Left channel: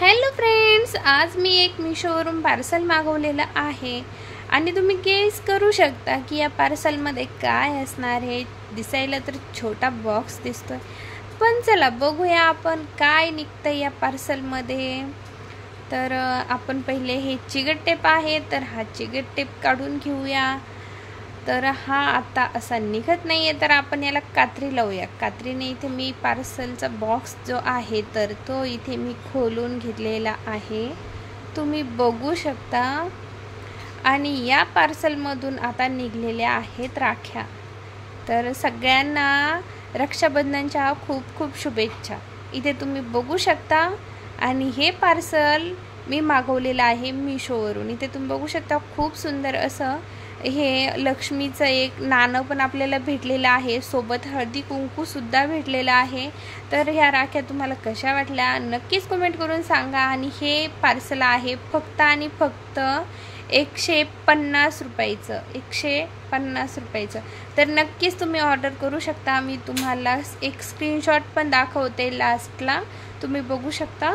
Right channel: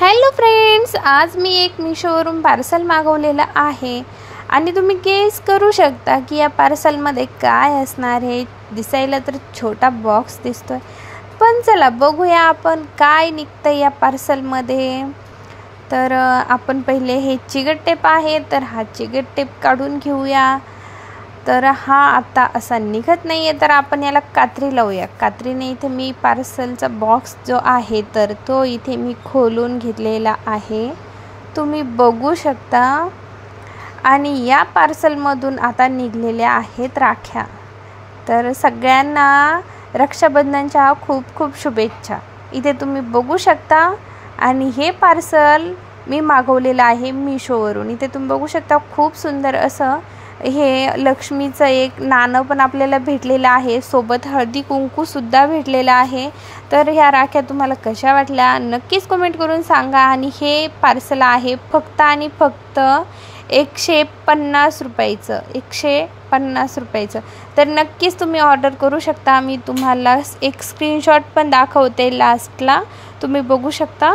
Hello friends, आज मी एक मीशोवरून parcel मागवलेलं आहे आणि तुम्ही गेस करू शकता की या पार्सलमध्ये काय असणार आहे। दिसायला तर छोटा बॉक्स दिसतोय, पण चला बघूया आपण काय निघतं या पार्सलमध्ये। तर आपण पहिले हे चिकट टेप आहे, तर हा चिकट टेप काढून घेऊया। तर हा आता असा निघत नाही आहे, तर आपण याला कात्री लावूया। कात्रीने इथे मी पार्सलचा बॉक्स जो आहे तर तो इथे मी खोलून घेतलेला आहे, तुम्ही बघू शकता। आणि या पार्सलमधून आता निघलेल्या आहेत राख्या। तर सगळ्यांना रक्षाबंधनच्या खूप खूप शुभेच्छा। इथे तुम्ही बघू शकता आणि हे पार्सल मी मागवलेलं आहे मीशोवरून। इथे तुम्ही बघू शकता खूप सुंदर असं हे लक्ष्मीचं एक नाणं पण आपल्याला भेटलेलं आहे, सोबत हळदी कुंकू सुद्धा भेटलेला आहे। तर ह्या राख्या तुम्हाला कशा वाटल्या नक्कीच कमेंट करून सांगा। आणि हे पार्सल आहे फक्त आणि फक्त 150 रुपयाचं, 150 रुपयाचं। तर नक्कीच तुम्ही ऑर्डर करू शकता। मी तुम्हाला एक स्क्रीनशॉट पण दाखवते लास्टला, तुम्ही बघू शकता।